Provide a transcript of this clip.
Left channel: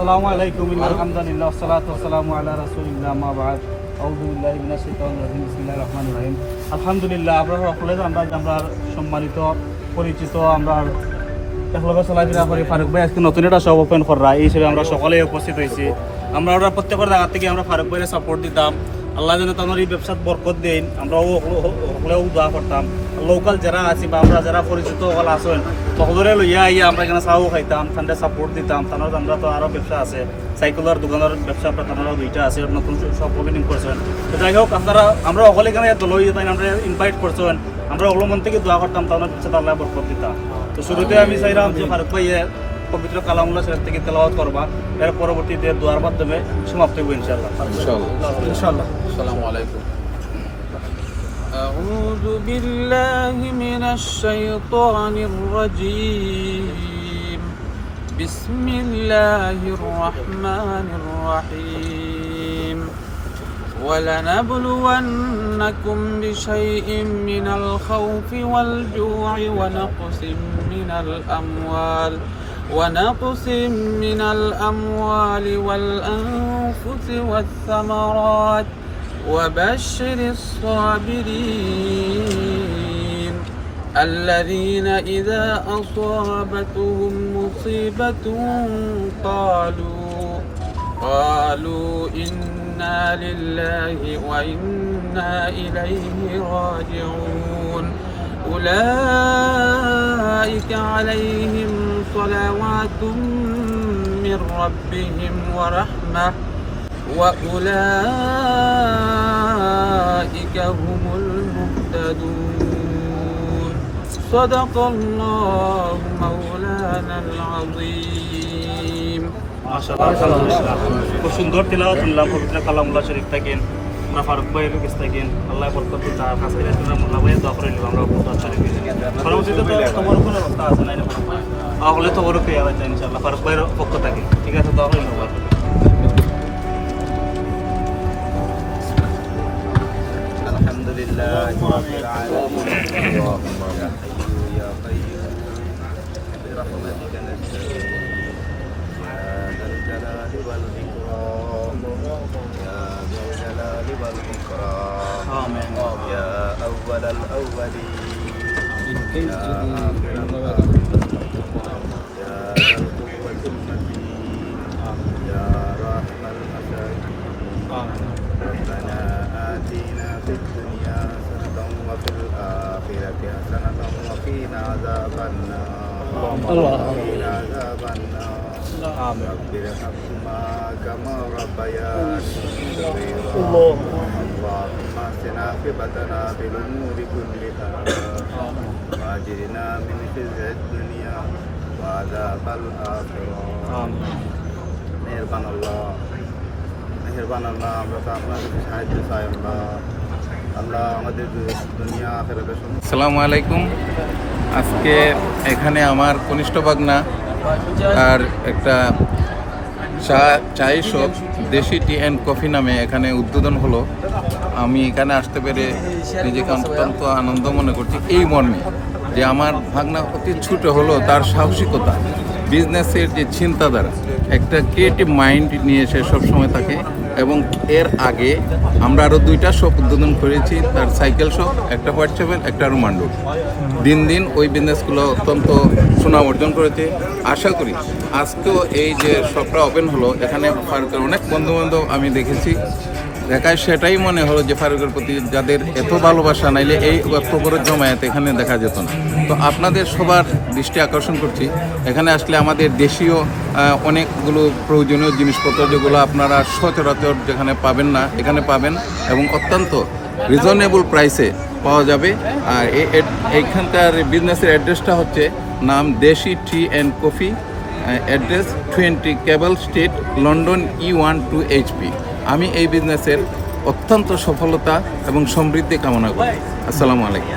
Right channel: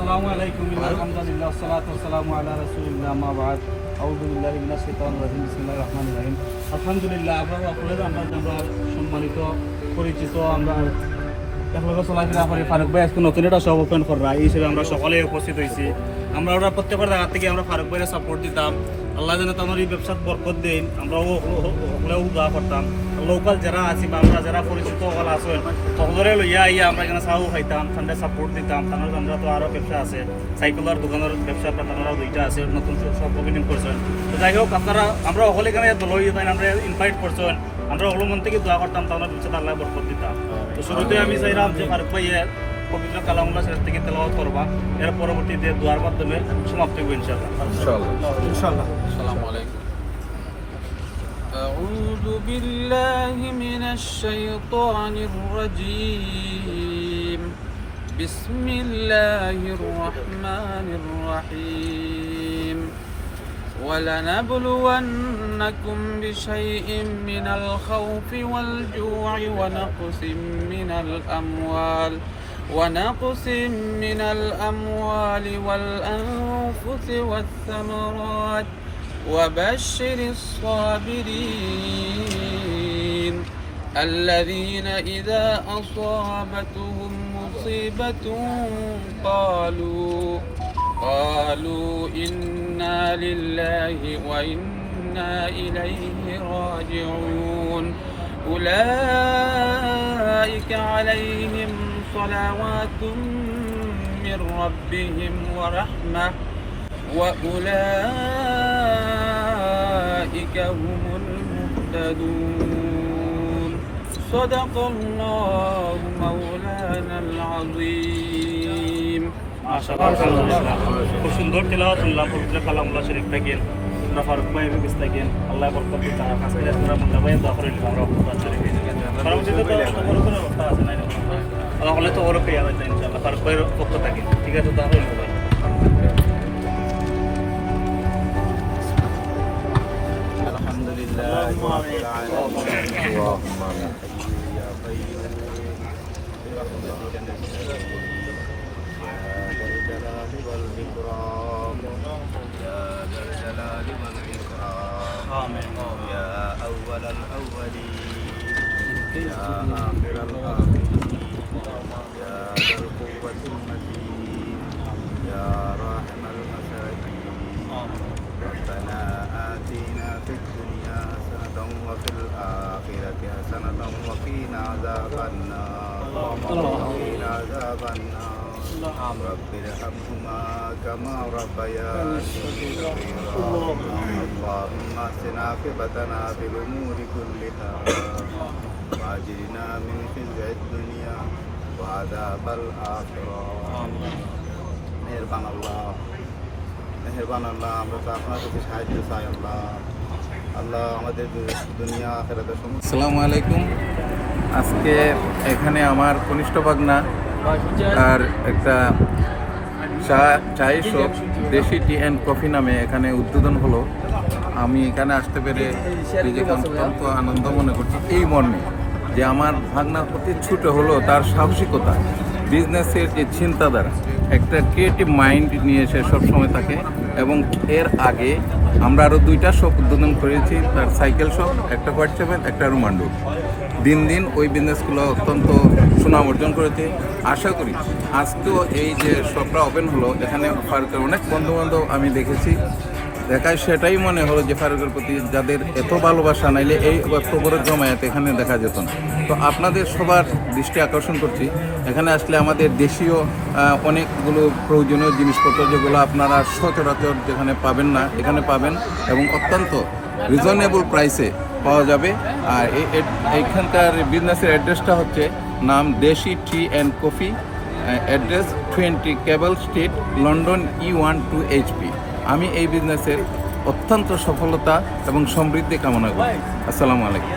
আসসালামু আলাইকুম আলহামদুলিল্লাহ ওয়াসসালাতু ওয়াসসালামু আলা রাসূলিল্লাহ মা বাদ আউযু বিল্লাহি মিনাশ শাইতানির রাজিম বিসমিল্লাহির রহমানির রহিম আলহামদুলিল্লাহ আপনারা সকলে আমরা সম্মানিত পরিচিত আমরা একলগে চলাফেরা করি ফারুক ভাই আজকে নতুন একটা শপ ওপেন করা এই হিসেবে আমরা সকলে উপস্থিত হয়েছি আমরা ওরা প্রত্যেকের জায়গা থেকে আমরা ফারুক ভাইয়ের সাপোর্ট দিতাম আল্লাহ যেন তোমার এই ব্যবসাত বরকত দেন আমরাও সকলেও দোয়া করতাম লোকাল যারা আছি বা আমরা যারা পরিচিত সকল আসেন সকলরে লইয়া আইয়া আমরা এখানে চাও খাইতাম তাদের সাপোর্ট দিতাম তাদের আমরা তো আরও ব্যবসা আছে সাইকেলের দোকানের ব্যবসা তাদেরও দুইটা আছে নতুন সব ওপেনিং করছেন তো যাই হোক আপনারা আমরা সকলে এখানে লই আমরা ইনভাইট করছেন আমরা ওগুলো মন থেকে দোয়া করতাম তাদের ব্যবসাটা আল্লাহ বরকত দিতাম তো শুরুতে আমি চাইলাম যে ফারুক ভাইয়ের পবিত্র কালামুল্লাহ শরীফ থেকে তেলাওয়াত করবা এর পরবর্তীতে দোয়ার মাধ্যমে সমাপ্ত হবে ইনশাআল্লাহ ইনশাআল্লাহ আসসালামু আলাইকুম أعوذ بالله من الشيطان الرجيم بسم الله الرحمن الرحيم ولنبلونكم بشيء من الخوف والجوع ونقص من الأموال والأنفس والثمرات وبشر الصابرين الذين إذا أصابتهم مصيبة قالوا إنا لله وإنا إليه راجعون أولئك عليهم صلوات من ربهم ورحمة وأولئك هم المهتدون صدق الله مولانا العظيم মাশাআল্লাহ খুব সুন্দর তিলাওয়াত শুনলাম পবিত্র কালামুল্লাহ শরীফ থেকে আমরা ফারুক ভাইয়ের কাছ থেকে আল্লাহ বরকত দিন তার কাছে আমরা মোল্লা ভাইয়ের দোয়া করে নিলাম আমরা বহুত আচ্ছা লেগেছে পরবর্তীতে তোমার কোনো ব্যবস্থা আছে না তাহলে তো ওরও পেয়ে যাচ্ছে ইনশাআল্লাহ ফারুক ভাইয়ের পক্ষ থেকে ঠিক আছে তাহলে আলহামদুলিল্লাহ রাব্বিল আলামিন اللهم يا حي يا قيوم برحمتك نستعين يا ذا الجلال والإكرام يا ذا الجلال والإكرام يا أول الأولين يا آخر الآخرين يا ذا القوة المتين يا راحم المساكين ربنا آتنا في الدنيا حسنة وفي الآخرة حسنة وقنا عذاب النار رب ارحمهما كما ربياني صغيرا اللهم احسن عاقبتنا في الأمور كلها وأجرنا من خزي الدنيا وعذاب الآخرة মেহেরবান আল্লাহ আমরা তো আপনার কাছে সাহায্য চাই আল্লাহ আমাদের দুনিয়া আখিরাতে আসসালামু আলাইকুম। আজকে এখানে আমার কনিষ্ঠ ভাগনা আর একটা চায়ের শপ দেশি টি অ্যান্ড কফি নামে এখানে উদ্বোধন হলো। আমি এখানে আসতে পেরে নিজেকে অত্যন্ত আনন্দ মনে করছি এই মর্মে যে আমার ভাগনা অতি ছোট হলো তার সাহসিকতা, বিজনেসের যে চিন্তাধারা, একটা ক্রিয়েটিভ মাইন্ড নিয়ে সে সবসময় থাকে। এবং এর আগে আমরা আরও দুইটা শপ উদ্বোধন করেছি, তার সাইকেল শপ, একটা হোয়াইট চ্যাপেল, একটা রুমান্ডুর। দিন দিন ওই বিজনেসগুলো অত্যন্ত সুনাম অর্জন করেছে। আশা করি আজকেও এই যে শপটা ওপেন হলো, এখানে ফারুকের অনেক বন্ধুবান্ধব আমি দেখেছি, দেখায় সেটাই মনে হলো যে ফারুকের প্রতি যাদের এত ভালোবাসা, নাইলে এই প্রবরের জমায়েত এখানে দেখা যেত না। তো আপনাদের সবার দৃষ্টি আকর্ষণ করছি, এখানে আসলে আমাদের দেশীয় অনেকগুলো প্রয়োজনীয় জিনিসপত্র যেগুলো আপনারা সচরাচর যেখানে পাবেন না এখানে পাবেন এবং অত্যন্ত রিজনেবল প্রাইসে পাওয়া যাবে। আর এইখানকার বিজনেসের অ্যাড্রেসটা হচ্ছে নাম Desi tea and coffee, address 20 cable street, London E1 2HP। আমি এই বিজনেসের অত্যন্ত সফলতা এবং সমৃদ্ধি কামনা করি। আসসালামু আলাইকুম।